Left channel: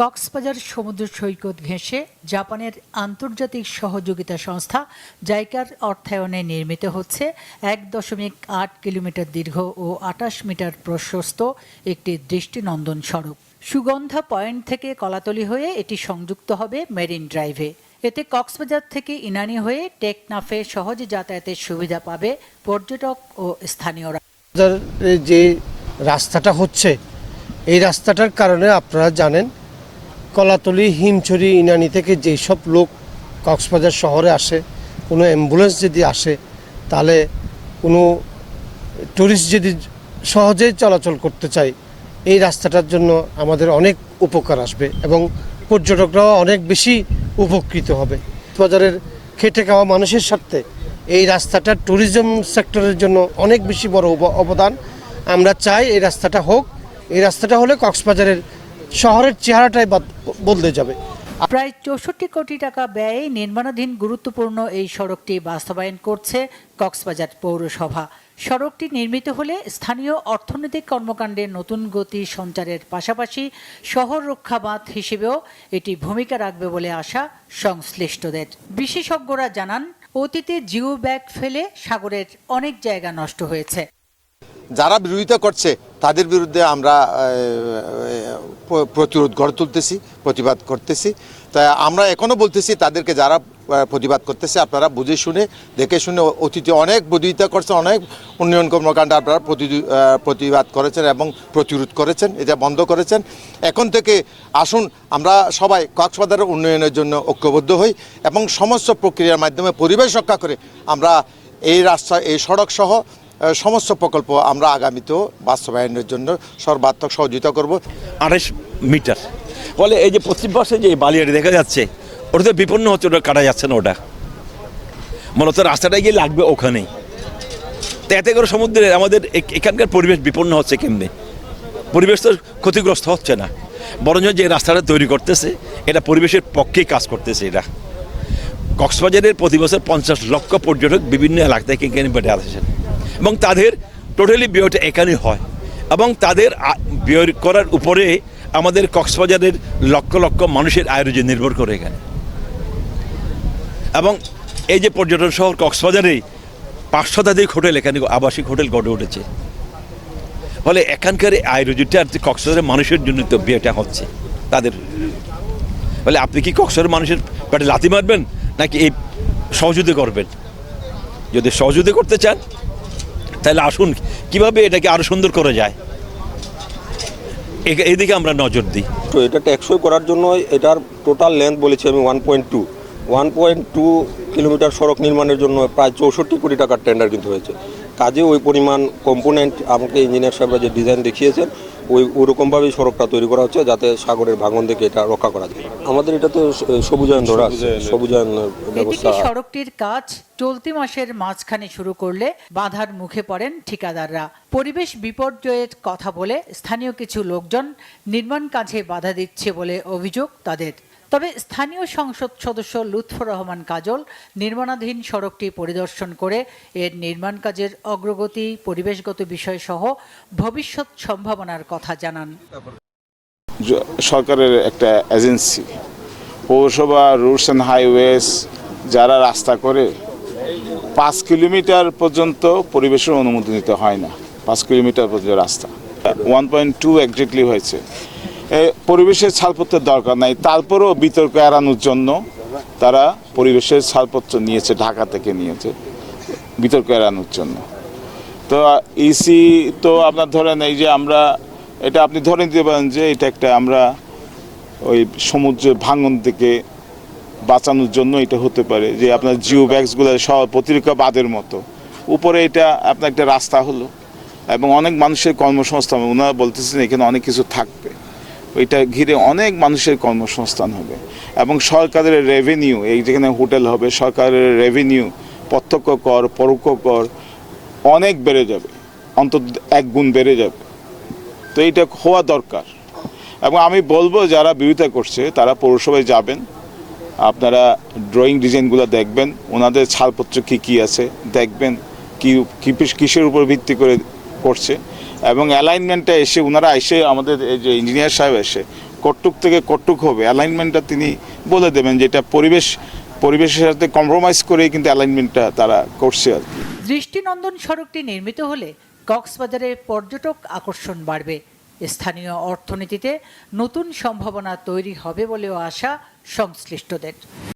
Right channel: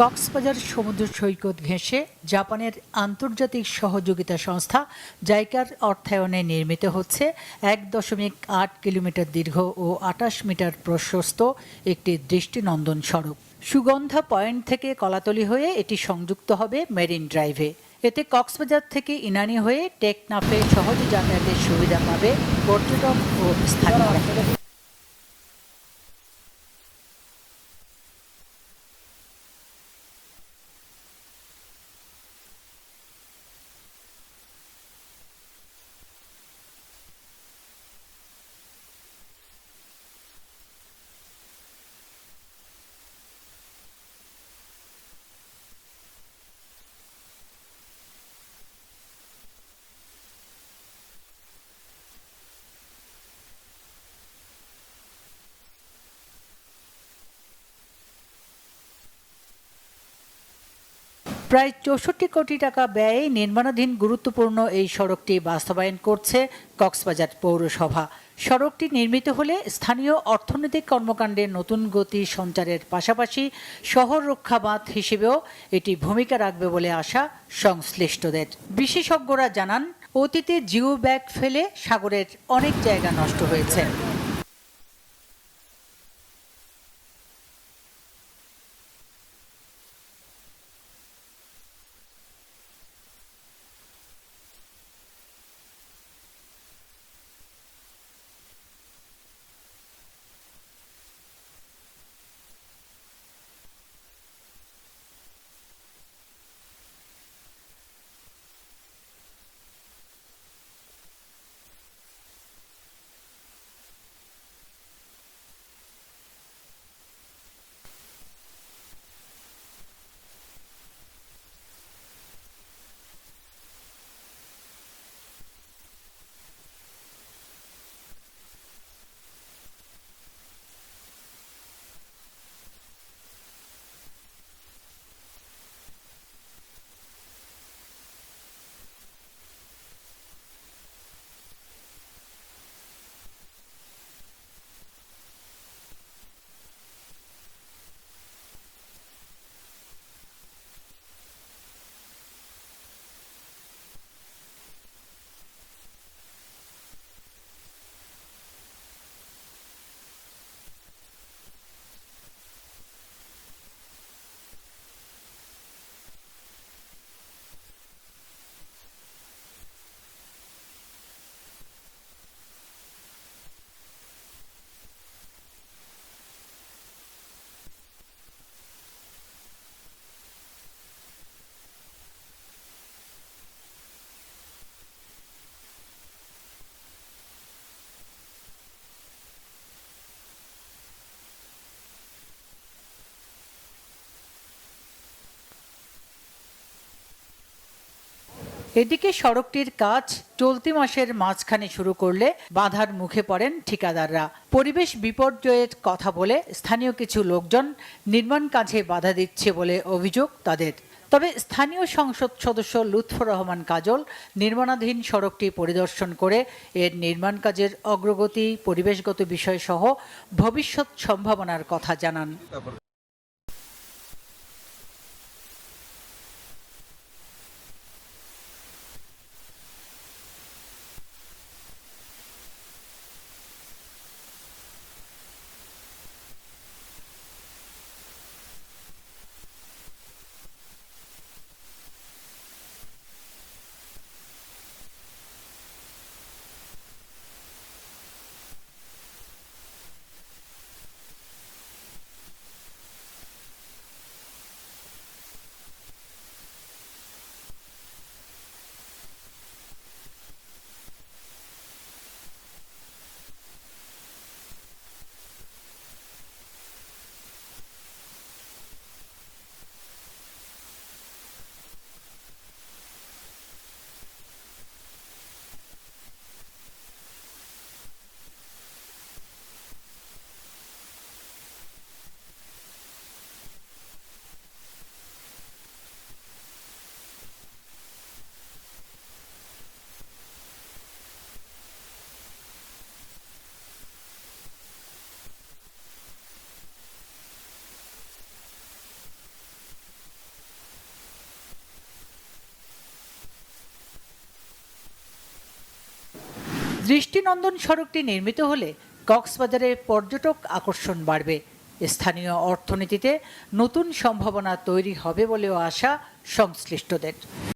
কক্সবাজার সমুদ্র সৈকত ঘেঁষে জাপানের আন্তর্জাতিক সহযোগিতা সংস্থা জাইকার অর্থায়নে নির্মিত হচ্ছে ১.৮ কিলোমিটার দীর্ঘ ও ২৮ মিটার প্রশস্ত একটি দৃষ্টিনন্দন সড়ক। সুগন্ধা পয়েন্ট থেকে কলাতলী হয়ে এটি সংযুক্ত হবে মেরিন ড্রাইভে। এতে কক্সবাজার থেকে ইনানি হয়ে টেকনাফে সহজে যাতায়াতের সুবিধা পাবে পর্যটক ও স্থানীয়রা। যে রাস্তাটা হচ্ছে এই রাস্তাটার কারণে আপনারা জানেন কলাতলী, হিমছড়ি, ইনানি থেকে যেই সব লোক কক্সবাজার শহরে আসে, কোনো অ্যাম্বুলেন্স যদি আসে তাহলে কোনো ট্যুরিস্ট যদি সহজেই চলাচল করতে চায় এই রাস্তাটার জন্য আমাদের অনেক উপকার আসবে এবং পর্যটকরাও অনেক বেশি উপকৃত হবে। বাজারের খেটে খাওয়া মানুষের স্বার্থে এই রাস্তাটা ট্যুরিজম সেক্টরের জন্য অনেক বেশি বড় অবদান। আমরা চাই এই রাস্তাটা হোক। এই রাস্তাটা হলে কক্সবাজারের শহরের চেহারাটাই বদলে যাবে। প্রায় ৬৪ কোটি টাকা ব্যয়ে নির্মাণাধীন গুরুত্বপূর্ণ এই সড়কটি বাস্তবায়ন করছে কক্সবাজার পৌরসভা। সড়কটি নির্মিত হলে স্থানীয় অর্থনৈতিক কর্মকাণ্ডে নতুন গতি সঞ্চারের পাশাপাশি শহর রক্ষা বাঁধ হিসেবেও এটি ভূমিকা রাখবে বলে আশা সংশ্লিষ্টদের। বিশেষজ্ঞরা জানান, অতীতে জিও ব্যাগ ফেলে সাগরের অনেক জায়গা নষ্ট হয়েছে। যারা বিরোধিতা করছে তাদের বিরুদ্ধে আমরা প্রতিরোধ গড়ে তুলতেছি, প্রতিবাদ করতেছি। তাই আমরা এখনও বলতেছি তাদেরকে, যারা প্রতিবাদ করতেছে আপনারা বুঝে শুনে দেখে শুনে, অতীতে অনেক বিরোধিতা করছেন, অনেক উন্নয়ন কর্মকাণ্ড আপনারা প্রতিবাদ করেছেন এবং প্রতিরোধ করেছেন, এটা বন্ধ করেছেন। এখন থেকে আসুন আমরা সবাই কক্সবাজারের উন্নয়নের জন্য ঐক্যবদ্ধ হই এবং সমস্ত প্রক্রিয়ার মাধ্যমে পরিবেশ রক্ষা করে আমরা এই রাস্তা, এই সড়ক সহ সমস্ত প্রকল্প আমরা আগামীতেও বাস্তবায়নের জন্য সর্বাত্মক সহযোগিতা করব। ২৮ মিটার বলে এই যে পশ্চিম পাশে যে বালিয়াড়ি দেখা যাচ্ছে, ওটা তো বিপন্ন হচ্ছে, ওটা কাটা যাচ্ছে না। ওটা মূলত রাস্তাটা গিয়ে লাগবে ওখানেই। তো এতে করে সমুদ্রে আমাদের এখানকার পরিবেশ বিপন্ন হচ্ছে কেমনি? পরিবেশ তো ক্ষতিগ্রস্ত হচ্ছে না, বরঞ্চ যে রাস্তাটা তৈরি করতেছে এটা পরিবেশের পক্ষেই কাজ করতেছে। এটা কক্সবাজারের প্রতি বছর ৫০ লক্ষ পর্যটক বিভিন্ন এলাকা থেকে এখানে বেড়ে আসেছেন এবং তাদের টোটালি ব্যয়টা এখানে হয় এবং তাদের ব্যয় করার উপরে আমাদের কক্সবাজারের লক্ষ লক্ষ মানুষের আয় রোজগার নির্ভর করে এখানে। এবং এই যে পর্যটন শহর কক্সবাজারে ৫ শতাধিক হোটেল, এখানে আবাসিক হোটেল গড়ে উঠেছে। ফলে এখানকার আয় রোজগারটা আর কক্সবাজারের মানুষের জন্য তো ব্যয়টা হচ্ছে তাদের। ফলে আপনি কি কক্সবাজারের মানুষের পেটে লাথি মারবেন নাকি এই সহযোগিতা করবেন? যদি সহযোগিতা করতে চান তাহলে আসুন কিভাবে এটাকে আরো সুন্দর করা যায় এদিকে আমরা নজর দিই। তো এটা টেকসই করার জন্য এটার টোটাল লেন্থ বলেছি আমি 1.2 কিলোমিটার সড়ক নির্মাণের জন্য প্রায় ৬৪ কোটি টাকার টেন্ডার কিন্তু হয়েছে। কাজে ওই পরিমাণ কম্পোনেন্ট আমাকে ইঞ্জিনিয়ার সাহেবরা যে ডিজাইন দেখিয়েছেন ওরকমভাবেই সড়কটা তৈরি করা হচ্ছে যাতে সাগরের ভাঙন থেকে এটা রক্ষা করা যায়। আমাদের এটা তো সবুজায়ন ধরা, সবুজায়ন। এদিকে সড়কটির কাজ চলতি মাসের মাঝখানে শুরু করলে বাধার মুখে পড়েন ঠিকাদাররা। পরিবেশ বিপর্যয়ের কথা বলে স্থানীয় কিছু লোকজন নির্মাণ কাজে বাধা দিচ্ছে বলে অভিযোগ তাদের। তবে স্থানীয় সংসদ সদস্য লুৎফর রহমান কাজল নির্মাণাধীন সড়কটি পরিদর্শন করে এর নির্মাণ কাজের অগ্রগতি, পরিবেশগত বিষয় সহ ভবিষ্যৎ সম্ভাবনার কথা জানান। সরকারের একটা এজেন্সি পৌরসভা রুটস অ্যান্ড হাইওয়েজ যারা রাস্তা করে ৫ কিলোমিটার পর্যন্ত পরিবেশের অনুমতি নিতে হয় না। ৫ কিলোমিটার পর্যন্ত রাস্তা 1.2 এক্স্যাক্টলি হয়েছে। পরিবেশের ছাড়পত্রের দরকার নাই, তারপরেও বিতর্ক এড়ানোর জন্য তারা পরিবেশের ছাড়পত্র নিয়েছে, ঢাকা থেকে নিয়েছে বিতর্ক এড়ানোর জন্য। তো ইসি তো আপনার ধরেন এই যে আমরা এটা আপনি ধরে নিতে পারেন যে এটা একটা আমরা ওই সমুদ্রের ভাঙন থেকে বাঁচানোর জন্য এটা হতে পারে যে আপনার জিও ব্যাগসগুলো সব প্রতিরক্ষা বাঁধের মতো উপরে এটা আপনার একটা রাস্তা হলো এবং অনেক মানুষের কর্মসংস্থান, ওনারা বলতেছেন এখানে অনেক কিছু থাকবে, ওইটা ঘিরে অনেক মানুষের কর্মসংস্থান হবে এবং সরকারের রেভিনিউ, এই যেখানে হোটেল হবে সরকারের রেভিনিউ, প্রত্যক্ষ কর, পরোক্ষ কর অনেক বেড়ে যাবে, অন্তত ১ গুণ বেড়ে যাবে। তো এইটা হওয়া দরকার এবং আমি বলবো যারা বিরোধিতা করছে তারা পৌরসভায় যাবেন, আপনারা ড্রয়িং ডিজাইনগুলো দেখবেন, ওনাদের ছাড়পত্র কী আছে দেখবেন, কিসের উপর ভিত্তি করে করছে এবং অ্যালাইনমেন্টটা এসে ওনারা এসে আমাদের এই যে ইঞ্জিনিয়ার সাহেব এসে কটুক থেকে কটুক হবে অ্যালাইনমেন্টটা তিনি বলে দেবেন, যেটা পরিবেশের সাথে কম্প্রোমাইজ করেই কিন্তু অ্যালাইনমেন্টটা তারা করছে আর কি। দৃষ্টিনন্দন সড়কটি নির্মিত হলে কক্সবাজারে পর্যটক আকর্ষণ বাড়বে, স্থানীয় অর্থনীতিতে নতুন সম্ভাবনা তৈরি হবে বলেও আশা সংশ্লিষ্টদের।